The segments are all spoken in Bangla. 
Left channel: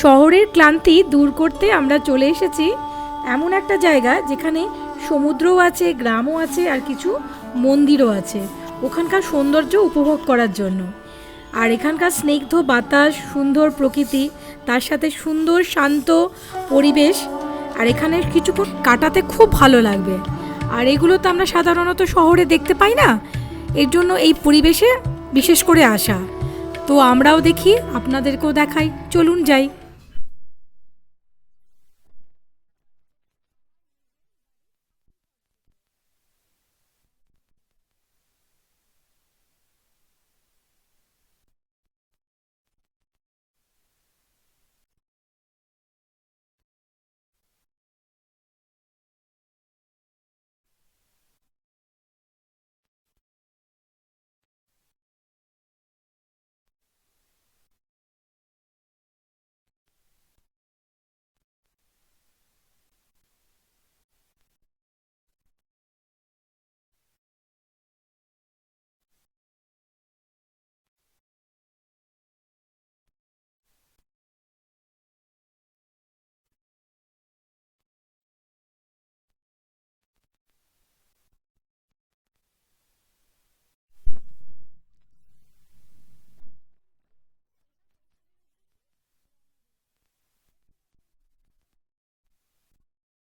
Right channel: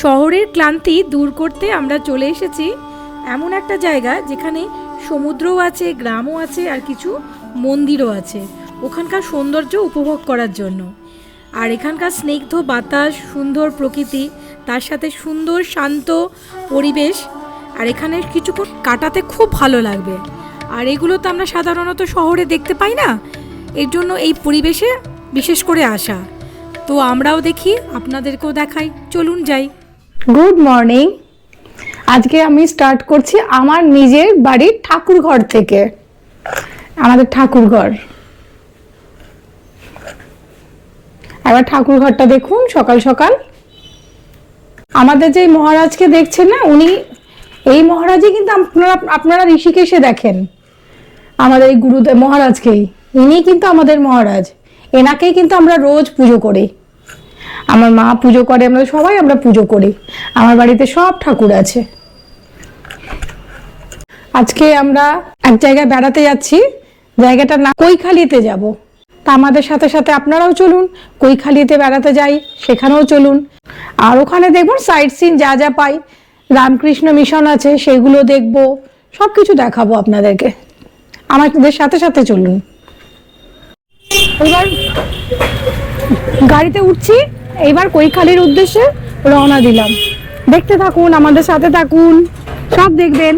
শহরের ক্লান্তি দূর করতে আমরা চলে এসেছি এমন একটা জায়গা যেখানে সমুদ্রও আছে, গ্রামও আছে আর কিছু মন্দিরও আছে। ওখানকার সৌন্দর্য উপভোগ করার জন্য। আর এখানকার স্নিগ্ধ বাতাস, সুন্দর প্রকৃতি, তার সাথে সুন্দর, শান্ত পরিবেশ আর এখানে কিছুক্ষণ কাটাতে খুব ভালো লাগবে। আর এগুলো তো আমরা সাধারণত শহরে দেখতে পাই না? এর জন্য এই পরিবেশে বিশেষ করে আসা। তো আমরাও দেখি, আপনাদেরকেও দেখাই। চলুন যাই। গুড মর্নিং আজকে আমি স্টার্ট করছি আমার নিজের বাড়ির ঠাকুর ঘর থেকে। আমাদের ঠাকুর ঘর এবার ঠাকুর ঘরটা দেখুন সকাল সকাল। আমাদের যে মহারাজকে দেখছেন না, উনি এই মহারাজই কিন্তু আপনারা আপনারা ঋষিকেশে দেখেন। আমাদের এই গুরুদেব মহারাজকেই। ইনি কিন্তু আমাদের মহারাজ। এনাকেই কিন্তু আমরা রোজ পুজো করি। আমার মা পুজো করে, আমরা সবাই আমরা পুজো করি। আমার বাড়িতে সব ঠাকুর আছে। আজকে আমরা এক জায়গায় বেড়াতে যাচ্ছি। জায়গাটার নাম কৈখালিতে যাব। তা আমাদের সাথে সাথে আপনারাও চলুন, কৈখালিতে বেড়াতে যাই, সেখানেও চলুন। আর ওখানে দেখুন সাইট সিন যা যা পাই। রামকৃষ্ণ মিশন আছে, সেগুলো দেখব সব কিছু দেখাবো আপনাদেরকে। আমাদের সাথে সাথে চলুন। এবার গাড়িতে উঠছি। এইবার কৈখালির উদ্দেশ্যে রওনা দিলাম। দেখতে থাকুন, আমাদের সাথে থাকুন। সব দেখবেন।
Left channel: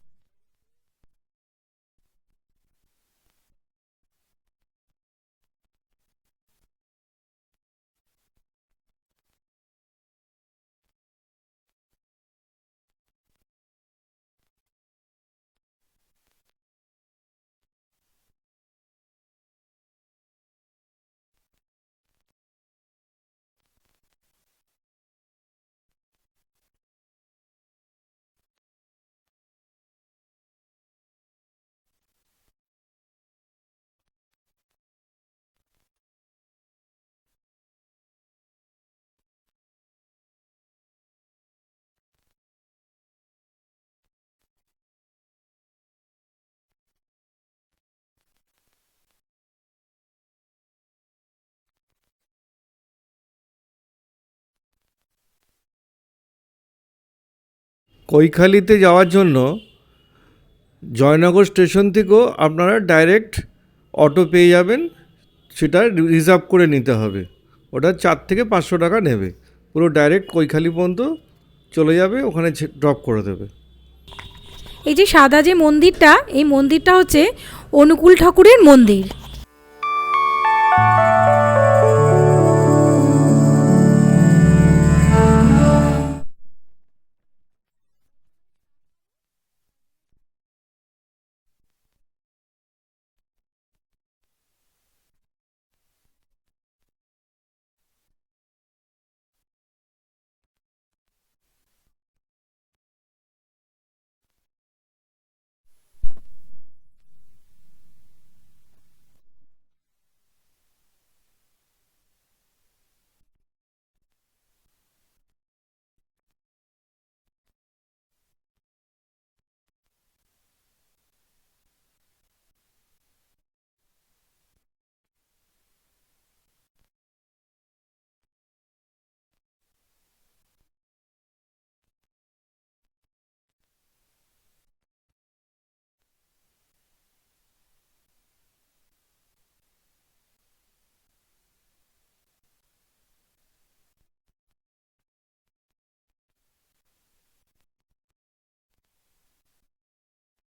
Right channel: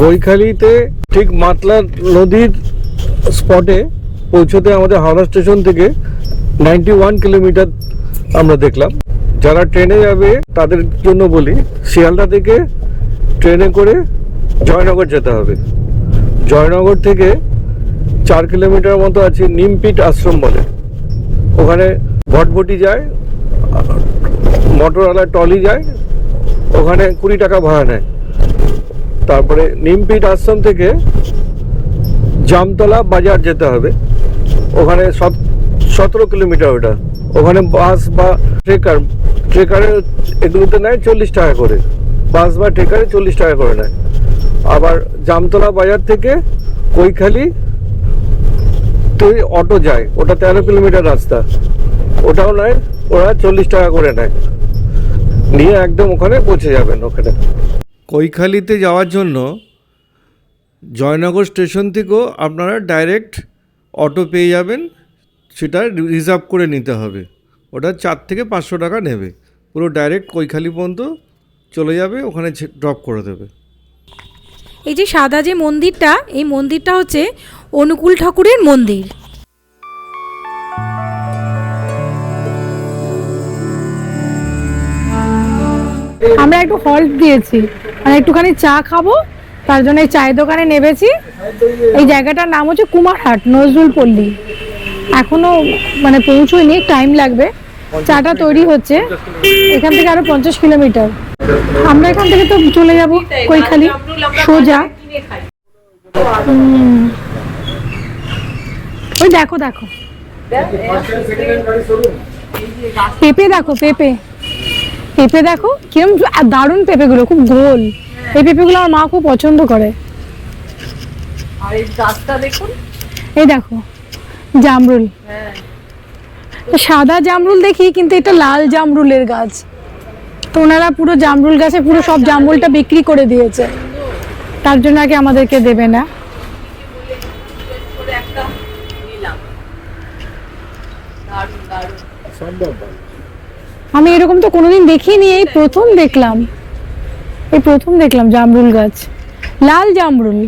কৈখালিতে ঠিক মাতলা নদীর স্পটে পৌঁছতে আমাদের হাওড়া স্টেশন থেকে নাইনটি ওয়ান কিলোমিটার আমরা দেখলাম। যারা ট্রেনে যাবে, তাদের জন্য বলি, শিয়ালদা থেকে ট্রেনে করে জয়নগর যেতে হবে। জয়নগর থেকে চার কিলোমিটার মতো আছে নিমপিট আশ্রম বলে। ওখানে ভটভটি যায় মোটরওয়ালা টলি যায়, ওখানে কুড়ি টাকা ভাড়া নেয়। তারপরে নিমপিট আশ্রম থেকে জামতলা বাজার যেতে হবে। ওখানে সতেরো কিলোমিটার ওটা। ওখানে বাস বা ট্রেকার, ট্রেকারে এগুলোতে নেয় চল্লিশ টাকা করে। বাস বা ট্রেকারে চল্লিশ টাকা করে নেয়। আবার জামতলা বাজার থেকে কৈখালি তো অটো যায়, ওটা তেরো কিলোমিটার রাস্তা। ওটাও নেয়, ওরা চল্লিশ টাকা করে নেয়। নিয়ে একদম ওখানে পৌঁছে যাবেন ওখানে। কৈখালিতে যাওয়ার জন্য জয়নগর স্টেশন থেকেও আপনারা ডাইরেক্ট অটো পেয়ে যাবেন, সেটা রিজার্ভ করে নিতে হবে। ওটা চার থেকে পাঁচশো টাকা নেবে। পুরো ডাইরেক্ট কৈখালি পর্যন্ত চলে যাবে, ওখানে ড্রপ করে দেবে। এই যে সাদা যে মন্দিরটা, এই মন্দিরটা হচ্ছে অনুকূল ঠাকুরের মন্দির। আমরা একটু হল্ট দিয়েছি। মানে একটুখানি চা খাব, তার জন্য এই চায়ের দোকানে নেমেছি। এই জায়গাটার নাম হচ্ছে কুমারহাট, নজরুল পল্লী। এখনও মানে পৌঁছয়নি টাইম লাগবে। চাটা তৈরি হচ্ছে। এখান থেকে আরও পঞ্চাশ কিলোমিটার। আমরা এখান থেকে তো চলে যাব কৈখালি সোজা। ওই দেখো দেখো। পেঁপে দেখো পেঁপে। পেঁপে দেখো কিরম দারুণ পেঁপেগুলো খুব গোল। এই পেঁপেগুলো আমার মা খুব পছন্দ করে। আর এই গাছটা দেখুন। এই দেখো জামরুল। সাদা জামরুল দেখি কিন্তু এটা লাল জামরুলের গাছ। তো ওনারা পুরো জামরুল গাছে পুরো সব জামরুলটা বিক্রি করে দিয়েছে। তার জন্য আগে আমাদেরকে দেবে না। আমি এরকম তো কোনোদিন দেখিনি এই প্রথম দেখলাম। এই প্রথম দেখলাম জামরুল গাছ। লাল জামরুল।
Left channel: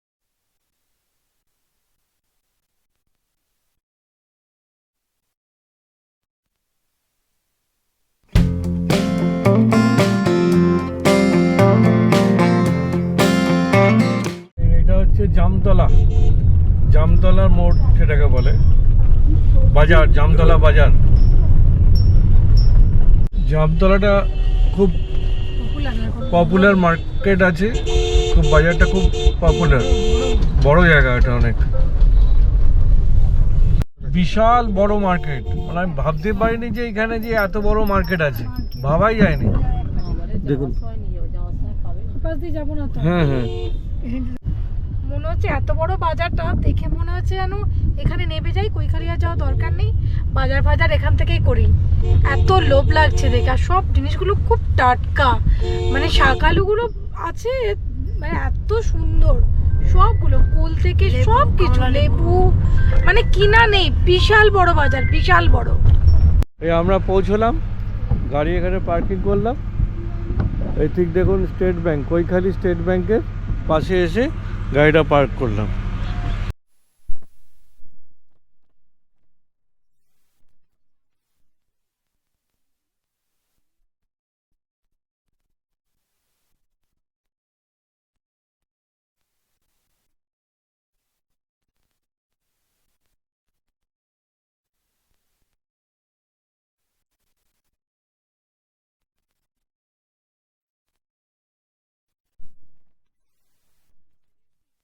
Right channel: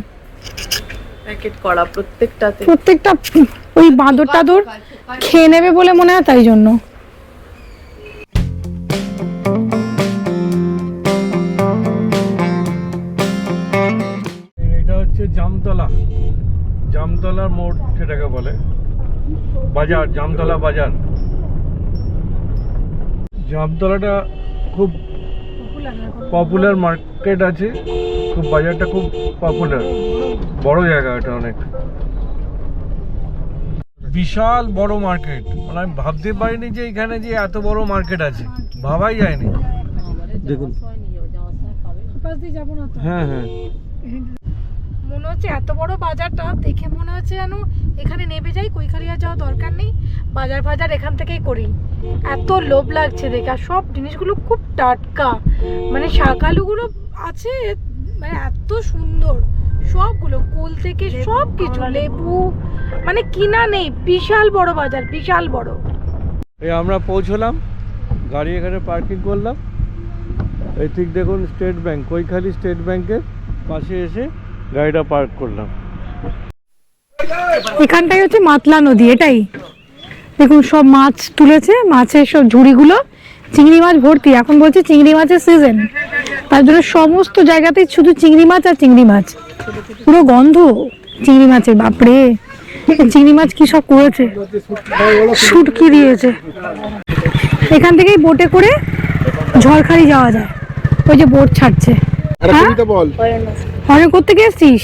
প্যাকেট করা প্রত্যেকটাতে। প্রত্যেকটা ওই বাঁদর টাদর খেয়ে নেবে বলে মনে হয় তাই জন্য। হচ্ছে জামতলা। জামতলার মোড় সেটাকে বলে। বাজার জামতলা বাজার। জামতলাটা খুব পপুলার মার্কেট আছে। খুব বাজারটা খুব পপুলার বড় জায়গা এটা অনেক। বিশাল বড় মার্কেট মানে আমি ভাবতে পারিনি যে এখানে যে এত বড় মার্কেট আছে। ভাবাই যায়নি। দেখুন। পাশ দিয়ে যাব না তো? হ্যাঁ হ্যাঁ। মনে হচ্ছে এত বড় বাজারটা দেখে মনে হচ্ছে যেন এখানে নেমে যাই কৈখালিয়া যাওয়া দরকার নেই বাজার ফাজার এখান থেকেই করি। এত লোভ লাগছে দেখে আর সব জিনিসগুলো খুব টাটকা। মানে শাকালুগুলো আছে মানে এত সুন্দর সবগুলো কুল থেকে সব কিছু লেবু। মানে কিনা নেই বিশাল বড় বাজার বিশাল বড়। এই আমরা পৌঁছলাম গাড়ি এখানে পার্কিং করলাম। এই ঠিক দেখুন স্টেট ব্যাংক কৈখালি স্টেট ব্যাংকের পাশে এসে গাড়িটা পার্ক করলাম। এখানটাই হচ্ছে মাতলা নদী এটাই। দেখুন সব মাছ তুলেছে মাছের সব ঝুড়িগুলো চিংড়ি মাছ ভর্তি। এখন বলছে চিংড়ি মাছের সিজন তার জন্য সমস্ত জায়গাতেই শুধু চিংড়ি মাছ আর চিংড়ি মাছ। পুরো গন্ধ। চিংড়ি মাছের বাপরে। চিংড়ি মাছ কি সব করেছে। শুটকি দিয়েছে। এখান থেকেই বোটে করে ঝড়খালি যাওয়া যায়। ওই যে বোট ছাড়ছে। হ্যাঁ? অনেক কোথেকে এসছিস?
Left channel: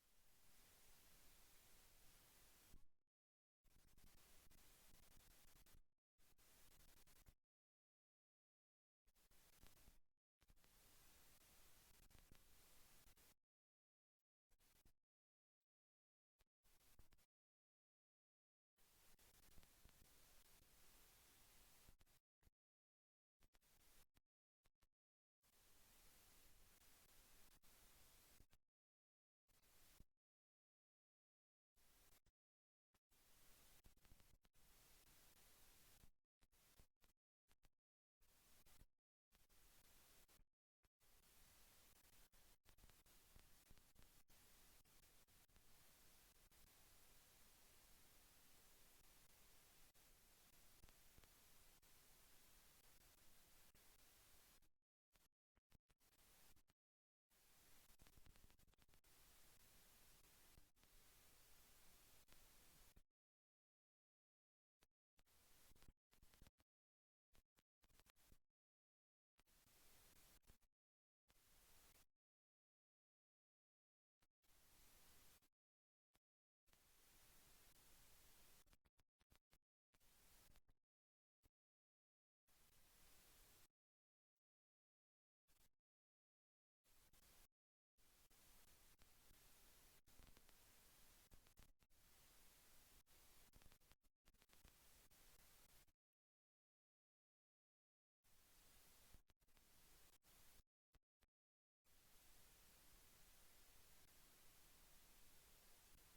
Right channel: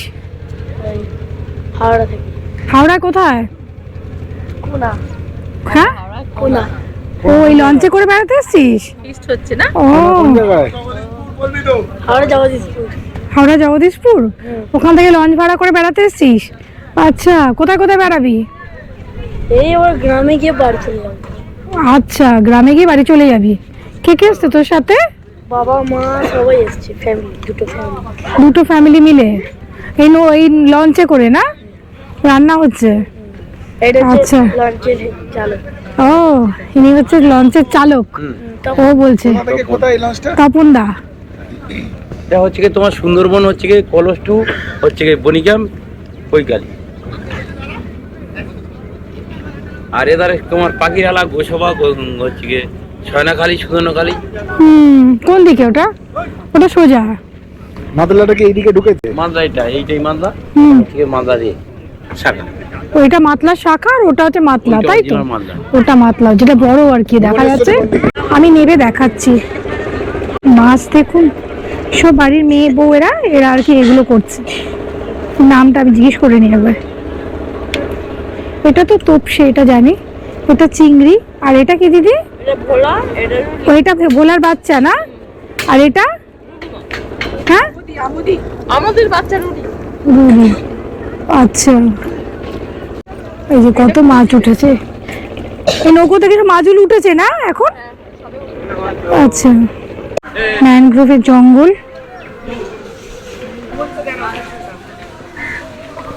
হাওড়া থেকে। হাওড়া কোথায়? কোনা হ্যাঁ? কোনা ও এই লঞ্চে করে বেড়াতে এসছিস? হচ্ছে না? ও। হাওড়া যাওয়া হাওড়া জগদীশপুর। ওখান থেকে লঞ্চ ভাড়া করে বেড়াতে এসছিস? আচ্ছা কোথায় কোথায় বেড়াবি? এই আমার গ্রামে গিয়ে বাড়ি চলে যাব। আচ্ছা গ্রামে গিয়ে বাড়ি চলে যাবি। কে কে এসছে তোর সাথে? বাবা মা সবাই এসছে ফ্যামিলি দুটো ফ্যামিলি দুটো ফ্যামিলি মিলে? এই নো এই লঞ্চে করে না? রান্না হচ্ছে? এটা হচ্ছে আচ্ছা। লঞ্চের চালক। ও ইনি হচ্ছে লঞ্চের চালক। ও বলছে। তপন। দা। এটা হচ্ছে কি তোমার সুন্দরবন হচ্ছে কি কলস টু হচ্ছে কি বনিগ্রাম কৈকালি। আর এদারে তোমার পাখিরালা গোসবা হচ্ছে কি ছয়নাখালি সুদনখালি হুম কোন দিকে ওটা? ওটা সোজা। এইদিকে ঢুকেছে? এটা এইটাই থেকে দিয়ে শাখা। ওইটা মাতলা শাখা আর ওটা হচ্ছে মাতলা তাই তো? ওটা মাতলা যেটা বড় আর কি দেখা যাচ্ছে? আমি নেবে দেখাচ্ছি। মাছ দেখুন সব বাড়ির মেয়ে বউয়েরা এরা আর কি এগুলো করছে। নামটা আমি জিজ্ঞেস করে নিই একবার এটা তো তোপসে এটা জানি। এটা চিংড়ি আর এটা কি দিদি? এটা ভোলা এটা ওইটা ভোলার বাচ্চা না? আর এটা? হ্যাঁ? আমাদের বাচ্চা রুটি। আচ্ছা। এই যে কত মাছ উঠেছে। এই নৌকো থেকে সব মাছগুলো উঠেছে না এখন? আচ্ছা। ম্যানগ্রোভের জঙ্গল।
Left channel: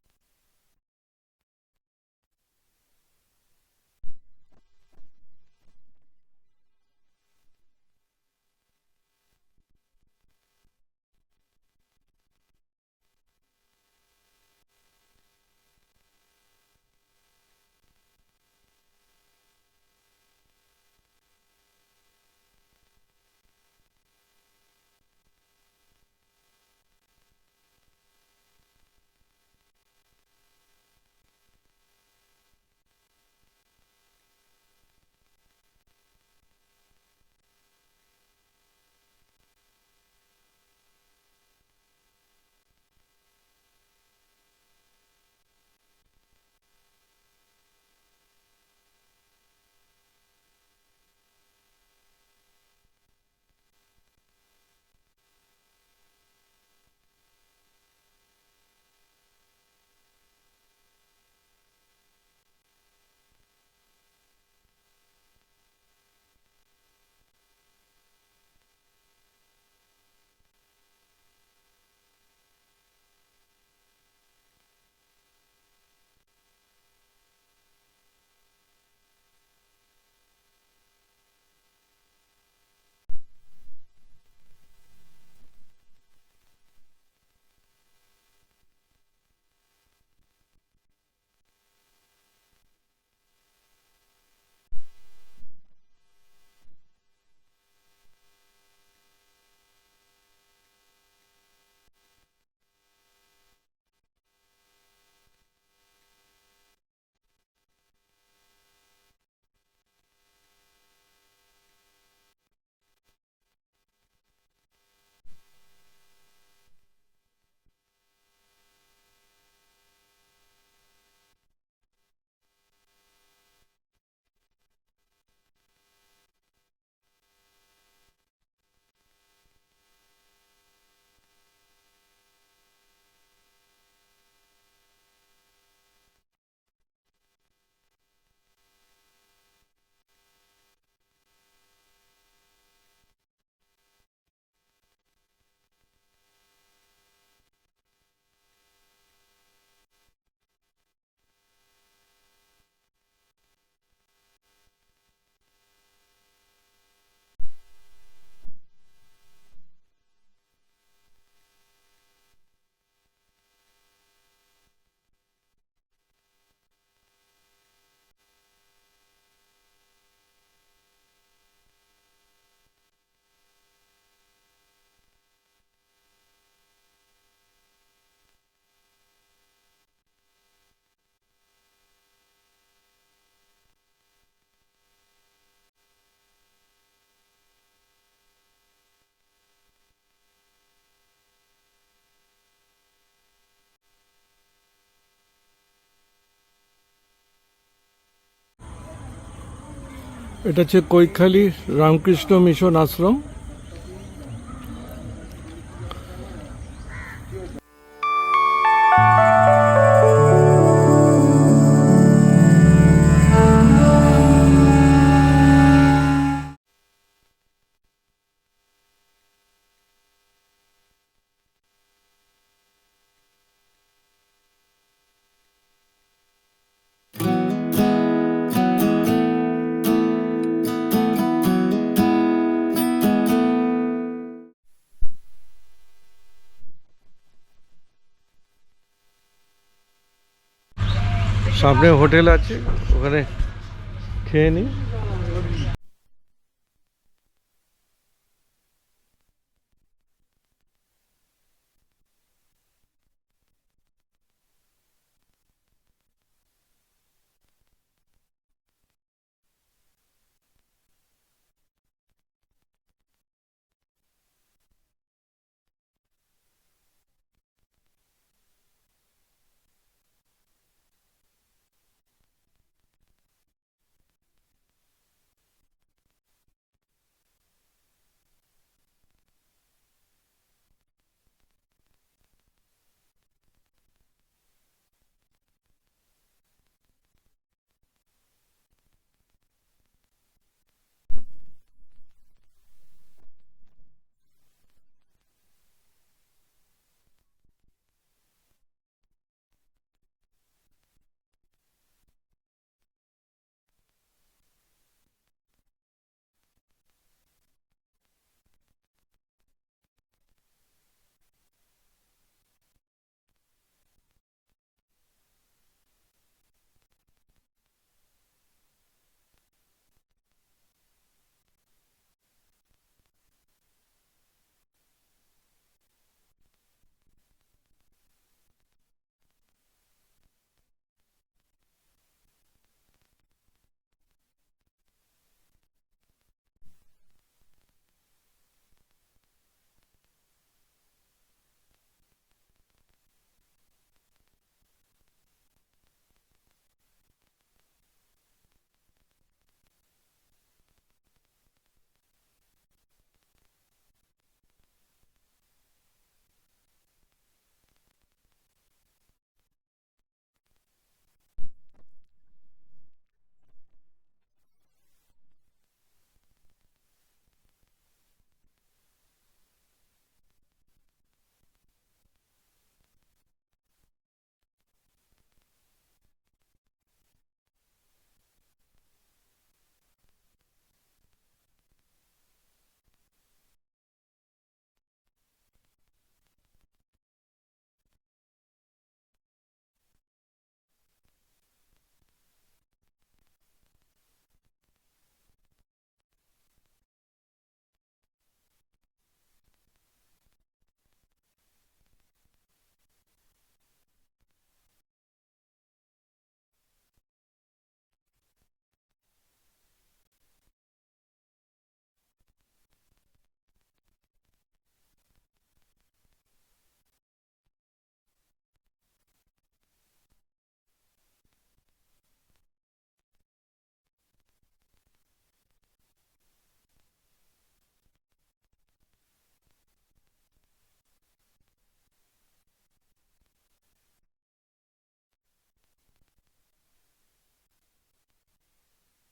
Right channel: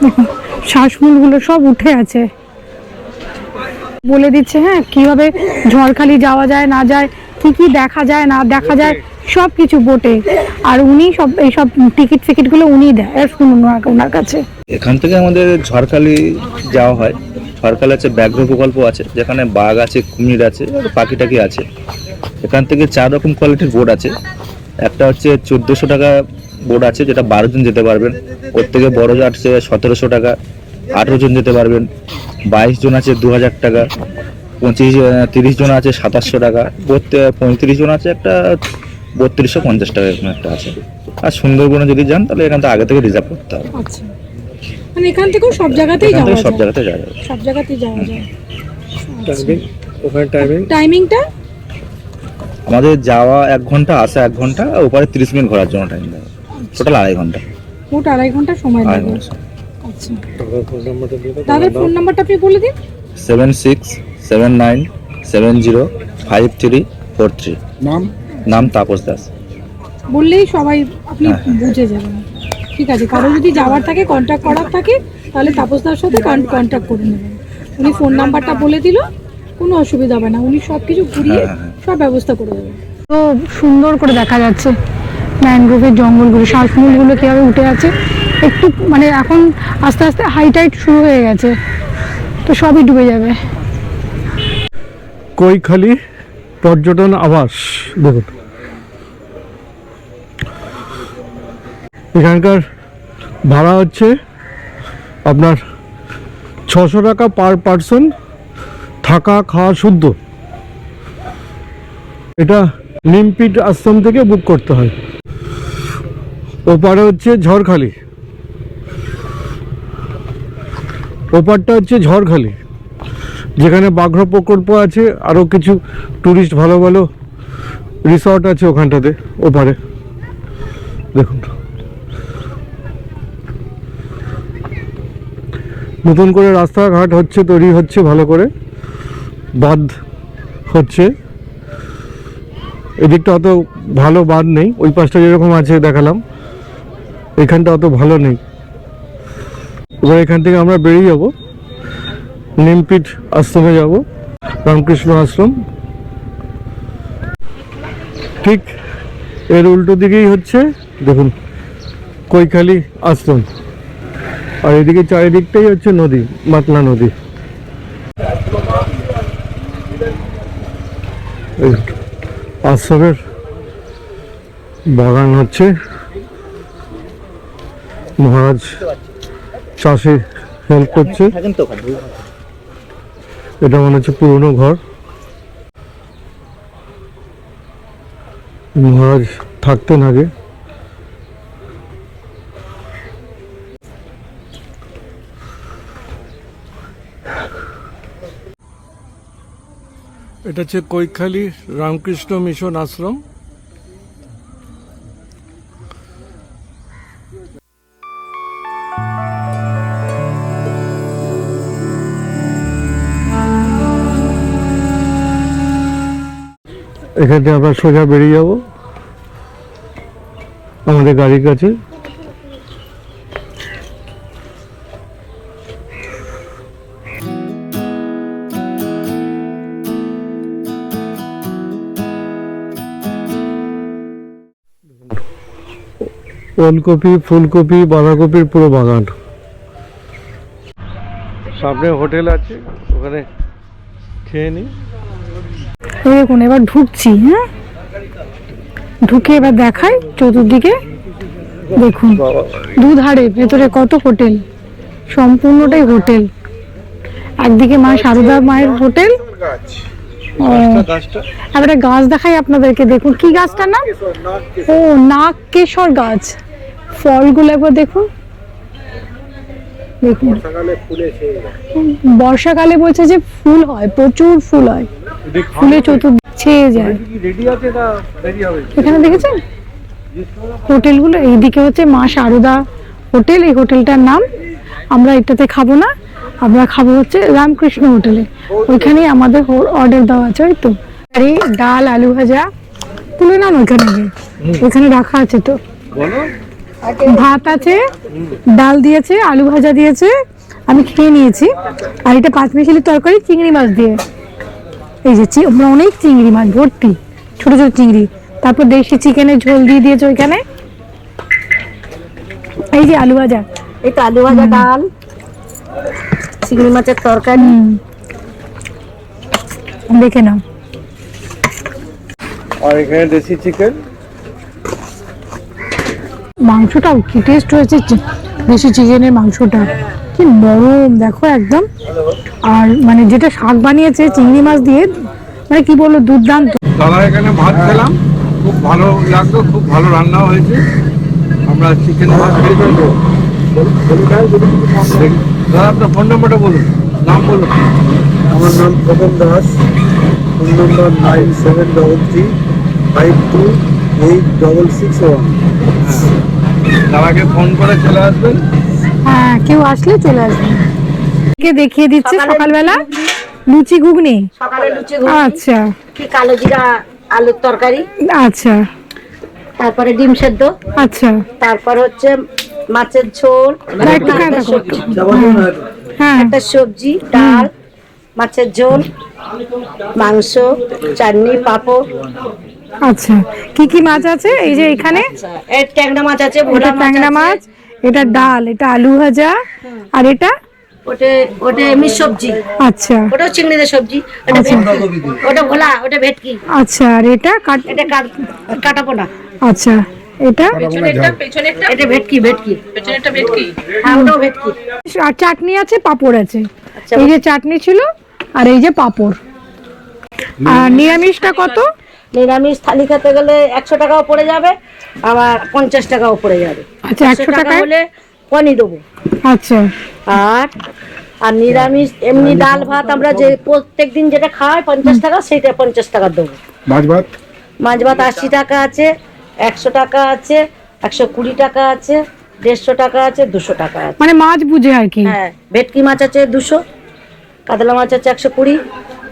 দেখুন, শ্বাসমূলগুলো সব উঠে আছে। বলে দিচ্ছে হ্যাঁ কীভাবে ঝড়খালি যাওয়া যায় না যায় কি কি দেখা যায় না দেখা যায় সব কিছু বোটে। আর উনি সব এইসব টিকিট ফিকিটগুলো উনি দেয় শুনুন ওনার- কাছে। এখান থেকে আমাদের ঝড়খালি যাওয়া হয়। ঝড়খালি আছে ব্যাঘ্র প্রকল্প আছে যেখানে বাঘ আছে কুমির আছে পাখি টাকি আছে। এখান থেকে চার রকম কোয়ালিটির বোর্ড আছে। একটা হচ্ছে চোদ্দোশো টাকা বোর্ড আছে যেটা বারো জন যেতে পারবেন। ওর থেকে বড় আছে সতেরোশো টাকা। আঠেরো জন যেতে পারবেন বাইশ জন আছে দু হাজার টাকা পঁচিশ তিরিশ জন আছে সাতাশশো টাকা পঁয়ত্রিশ জন আছে একটা বত্রিশশো পঞ্চাশ টাকা এরকম একটা আছে। আর সুন্দরবনে যদি যান তাহলে এখান থেকে আগে থেকে রিজার্ভ করতে হবে। আচ্ছা। মানে এখান থেকেও সব জায়গাতেই যাওয়া থেকে সব যায়? জায়গাতে যাওয়া যাবে সব জায়গাতেই যাওয়া যায়। টাইমিং ওখানে টাইমিং টাইমিংটা আমাদের যাওয়া এক ঘণ্টা আসা এক ঘণ্টা ওপারে তিরিশ মিনিট ঘোরার জন্য টাইম দেবে টোটাল আড়াই ঘণ্টা। মোট আড়াই ঘণ্টা সময় ঘণ্টা আচ্ছা ফোন নাম্বারটা দিয়ে দাও। দাদার ফোন নাম্বারটা আপনি বলে দিন। Seven six seven nine seven zero five three four three. নাম? নাম তাপস দাস। বললেই সবাই আপনি হ্যাঁ, হ্যাঁ। বুঝে যাবেন। ঠিক আছে কারও যদি যাওয়ার থাকে কন্ট্যাক্ট করার থাকে তাহলে তাপসদার সাথে কন্ট্যাক্ট করে নেবেন। উনি ফোন নাম্বারটা বলে দিল কোনো অসুবিধা হবে না। উনি সব কিছু ঘুরিয়ে হ্যাঁ, সব ব্যবস্থা করে দেবেন। তো সুন্দর করে দেখা যাচ্ছে। ম্যানগ্রোভের জঙ্গলগুলো শ্বাসমূলগুলো কীভাবে উঠে আছে? একটু মানে এখন আস্তে আস্তে হাইটাইট শুরু হয়ে গেছে, তো সবই ডুবে যাবে। কৈখালি পর্যটন আবাস, দেখুন। এখানকার ভাড়া হচ্ছে আপনার ছশো টাকা পার পার্সন থাকা খাওয়া শুদ্ধ। এটা নিমপিট আশ্রম থেকে বুক করতে হয়। ওপারে হচ্ছে ঝড়খালি। ওপারটা হচ্ছে ঝড়খালি। যেখানে বাঘ্র প্রকল্প আছে আরও কিছু ট্যুরিস্ট ভালো ভালো রিসর্ট আছে ওখানটাতে, ওপারে। দেখুন। নতুন করে রাস্তাঘাট হচ্ছে, তৈরি হচ্ছে ভালো করে। বাঁধ হচ্ছে। এদিকটা অত ভালো বাঁধ নেই, ওই পাশটা যেরকম আছে দেখালাম। এখানটা অত ভালো নেই। এবার এখান থেকে আমরা বেরিয়ে যাব। নিমপিঠ আশ্রমে যাব, রামকৃষ্ণ আশ্রম। ঠিক এর উল্টো দিকেই হচ্ছে, দেখুন, কৈখালি আশ্রম। আর এদিকে চারিদিকটাই হচ্ছে নদী, মাতলা নদী। আশ্রমের বাগান হচ্ছে মহারাজ চাষে হেল্প করছে। এটা মনে হচ্ছে পুরনো ঘর। মহারাজ থাকতেন আগে। এটা হচ্ছে কৈখালি রামকৃষ্ণ মিশন আশ্রম। এখান থেকে আমরা সোজা বেরিয়ে যাব। আমাদের গাড়ির কাছে। ওলকপি, ফুলকপি, বাঁধাকপির পুরো বাগান। সামনে হোটেল আছে, ওখানে খেয়ে নিই দেখুন এবার ঢুকছি হ্যাঁ? ঢুকে এবার দেখাই চতুর্দিকে। দেখুন দুধারে ভেতরে কত হোটেল? সম্পূর্ণটাই হোটেল। একদিকে মা সারদা মায়ের হোটেল। একটা গাছ দেখাই আপনাদেরকে দেখুন কি গাছটা নাম? ও নাগ কেশর গাছ। ফলগুলো একবার দেখুন। দেখুন। বর্ষাকালে বলছে যে ফুল হয় প্রচুর ফুল হয়। ফুলে চতুর্দিক ছেয়ে যায়। এখানে দেখেছেন? হোটেলগুলো এইদিকে হচ্ছে মা সারদা হোটেল এই হোটেলটার নাম। আমরা এটাতে খাব না আমরা খাব হচ্ছে রামকৃষ্ণ হোটেলে। ওইখানেই আমাদের অর্ডার দেওয়া আছে ওই তো। আরে ডাল আলু ভাজা তুলে নাম ওইখানে গিয়ে। ওইখানে রাখা আছে তো। ভাত আছে ডাল দিয়েছে আলু ভাজা দিয়েছে আমি খেয়ে নিয়েছি। আর এটা পাঁচ মিশালি তরকারি চিংড়ি মাছ দিয়ে। এই যে চি- অনেক চিংড়ি মাছ ভর্তি ছোট ছোট চিংড়ি। তারপর দেশি চিকেনের ঝোল দিয়ে দিয়েছে ওইখানে এই যে আলু ভাজা। এই তো আলু ভাজা ডাল চিংড়ি মাছের তরকারি। দেখে নাও। আর এখানে দেশি চিকেন? মাংসটাও কি টেস্ট হয়েছে? দেশি চিকেনের মাংসটা। কি নরম দেখো একদম। আর মানে যেটা শাক বানিয়েছে চিংড়ি মাছ দিয়ে মানে কি বলব দুর্দান্ত। দাদা এখানে ভাত খেলাম। খুব ভালো লাগল খুব ভালো রান্নাও হয়েছে। আমরা চিকেন ভাত খেয়েছি দাদা আপনার ফোন নাম্বারটা বলুন। নাম বলুন। আমার নাম Khokon Das. Phone number nine seven double three five two eight double six one দাদাকে ফোন করে চলে আসবেন। হ্যাঁ কেউ আসলে চলে আসবে। কে দেখিয়ে দিচ্ছে সকালবেলা? লুচি ঘুগনি। সকালে লুচি ঘুগনি, আচ্ছা। কি কালো জিরা আলুর তরকারি? আচ্ছা। তারপরে ডিম সেদ্ধ। আচ্ছা। তারপর হচ্ছে মাছের ঝোল একটা সবজি, হ্যাঁ। একটা সবজি ডাল মাছের ঝোল মাংস চাটনি পাঁপড়। আচ্ছা। কি কি মাছ আছে এই যে এখানে? এর ট্যাংরা মাছ আছে ট্যাংরা মাছ এটা ডাল এটা আলু ভাজা আর এটা ওটা ওটা এমনি সবজি। আচ্ছা। ওটাও চিংড়িদের সবজি ওটা আচ্ছা। ওটা ভোলা ওটা ভেটকি। আচ্ছা আর এটা কাট- এটা কাট- কাটাপোনা। আচ্ছা এটা? এটা ভেটকি ভেটকি। পেছনেরটা ভেটকি? হ্যাঁ ওটাও ভেটকি। আর চাটনি আছে পাঁপড় আছে। আচ্ছা। এই যে চাটনি ছিল আর এই যে পাপড়। আর নিরামিষটা কত? নিরামিষ থালি খেতে গেলে একশো টাকাও পড়ে যাবে আবার পঞ্চাশ টাকাও পড়ে যাবে। আচ্ছা একশো টাকা হলে পনি দেবো। আচ্ছা। আর আর নিরামিষ এমনি ডাল ভাত আমরা যে প্রত্যেক দিন যেটা খাই পঞ্চাশ টাকা সেইটা পঞ্চাশ টাকা দেবো। মাছ ভাত? মাছ ভাত আশি টাকা আছে একশো টাকা আছে একশো কুড়ি টাকা আছে দেড়শো টাকা আছে দুশো টাকা আছে। মানে মাছ বুঝে আর কি। হ্যাঁ ভেটকি মাছ আছে দুশো কাতলা মাছ হচ্ছে একশো কুড়ি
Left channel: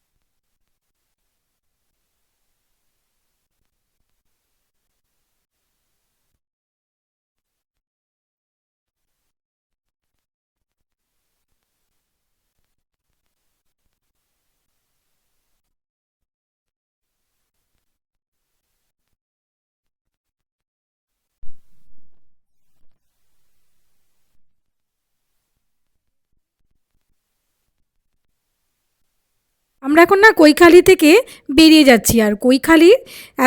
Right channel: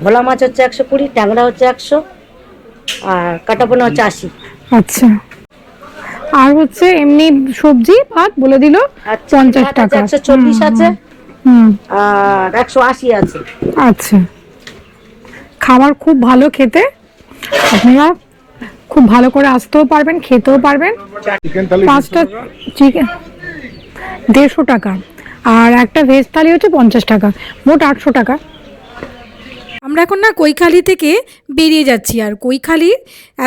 ভোলা মাছ হচ্ছে একশো কুড়ি ট্যাংরা হচ্ছে একশো আর কাটাপোনা হচ্ছে আশি। আচ্ছা। আর হচ্ছে এমনি সবজি ভাত বলে দিল পঞ্চাশ টাকা। একশো চল্লিশ আছে। হুম। আর একশো আশি আছে। আচ্ছা। খাবার খুব ভালো খেতে। আপনারা খুব ভালো করে আসতেও পারবেন খেতেও পারবেন। পাঁচটা চিকেন দেড়শো টাকা। আর একটা ভেজ থালি হচ্ছে পঞ্চাশ টাকা। মোট আটশো টাকা। আমরা এখন না কৈখালি থেকে বেরিয়ে যাচ্ছি। আর কৈখালি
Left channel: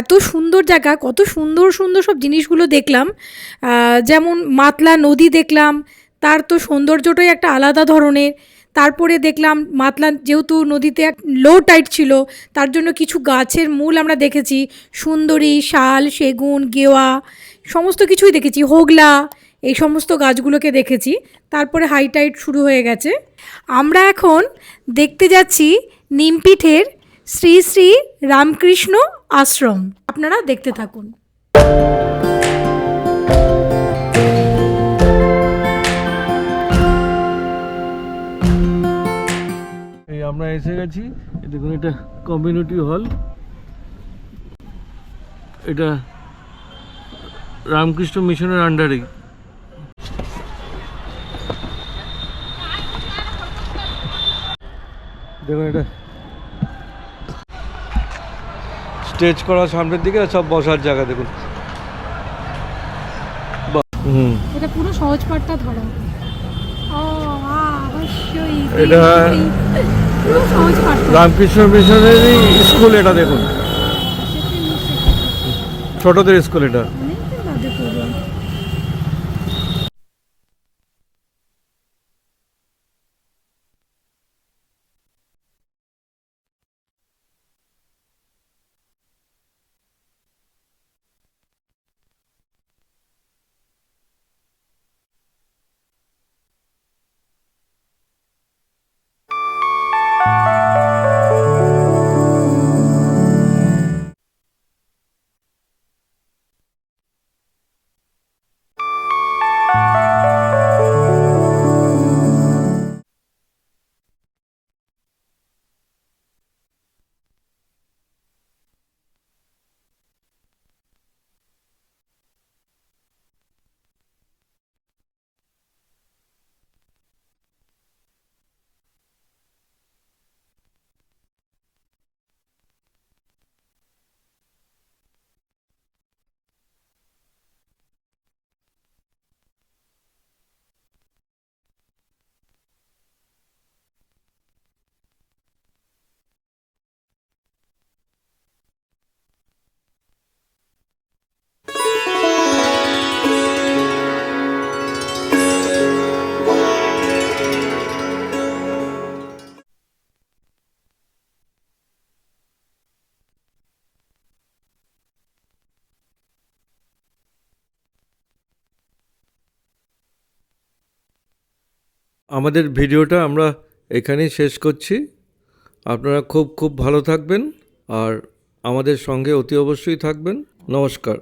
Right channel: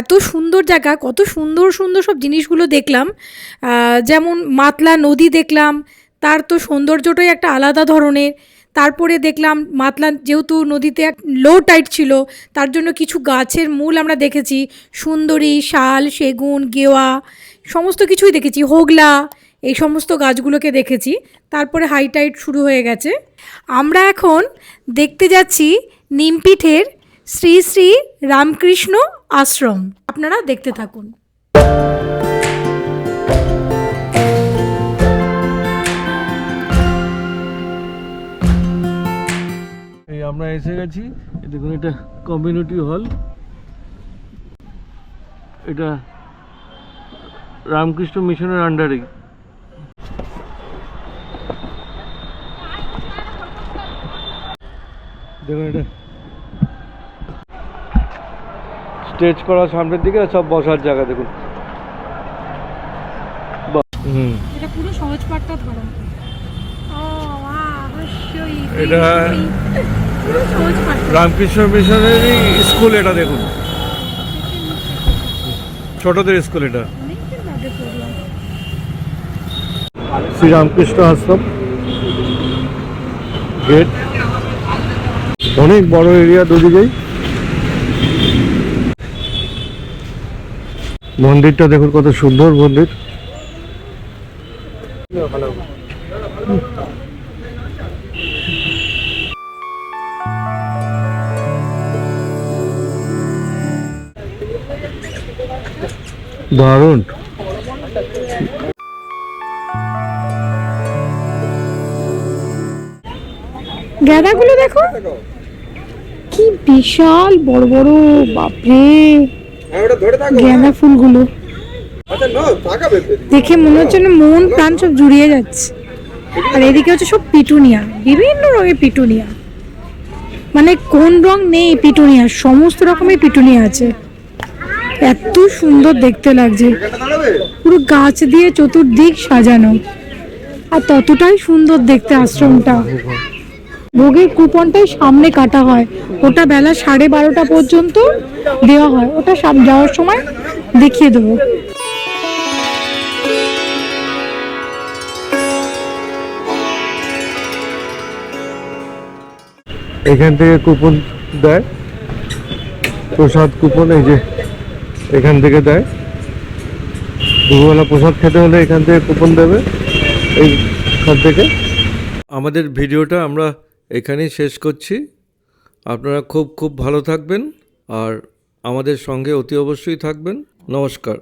এত সুন্দর জায়গা, কত সুন্দর সুন্দর সব জিনিসগুলো দেখলাম। যেমন মাতলা নদী দেখলাম, তার তো সৌন্দর্যটাই একটা আলাদা ধরনের। তারপরে দেখলাম মাতলা যেহেতু নদীতে এক লো টাইট ছিল, তার জন্য কিছু গাছের মূল আমরা দেখেছি। সুন্দরী, শাল, সেগুন, গেওয়া, সমস্ত কিছুই দেখেছি। হোগলা, এই সমস্ত গাছগুলোকে দেখেছি। তারপরে হাই টাইট শুরু হয়ে গেছে। আমরা এখন দেখতে যাচ্ছি নিমপিঠের শ্রী শ্রী রামকৃষ্ণ আশ্রম। আপনারা দেখতে থাকুন। আমরা এসে গেছি। দেখুন, এটা কমিউনিটি হল এটা রামকৃষ্ণ মিশনের আন্ডারে দেখুন, এটা স্টেজ করা সামনের দিকে সব বসার জায়গা দেখুন। বাহ, এটা পুরো সহজ পাঠটা ধরা। এটা রামকৃষ্ণ মিশনেরই স্কুল এটা দেখুন। ছোটদের স্কুল এটা। শ্রী রামকৃষ্ণ আশ্রম। গেট। অনেক বড় এরিয়া দুদিকেই। মন্দিরটা দেখুন কত সুন্দর মন্দির। দারুণ। গাঁদাগুলো দেখো। কি বিশাল বড় বড় বাপরে। গাঁদা ফুলগুলো। দেখে মনে হচ্ছে না মন প্রাণ সব জুড়িয়ে যাচ্ছে। আর এদিকে হচ্ছে সব পিটুনিয়া বিভিন্ন রঙের পিটুনিয়া। মানে কোন রং নেই পিটুনিয়া সমস্ত রকমের পিটুনিয়া আছে। এত সুন্দর দেখতে লাগছে। পুরো গাছ দিয়ে চতুর্দিক সাজানো। আর ততটাই সুন্দর দেখতে আশ্রমটা। ভোগের কুপনটাই সামনে কাটা হয়। ওটা বেলা সাড়ে বারোটা পর্যন্ত দেওয়া হয়। ওটা সাম- যাওয়ার সময় দেখিয়ে দেবো। এখান থেকে কুপন দেয়। প্রসাদ কুপন এই যে এখান থেকে দেয়। দুপুরবেলা প্রসাদ খেতে হলে এখান থেকে কুপন দেবে। এইখান থেকে। আমাদের ভিডিওটা আমরা এখানেই শেষ করছি। আপনারা খুব খুব ভালো থাকবেন আর আমাদের সঙ্গে অতি অবশ্যই থাকবেন। নমস্কার।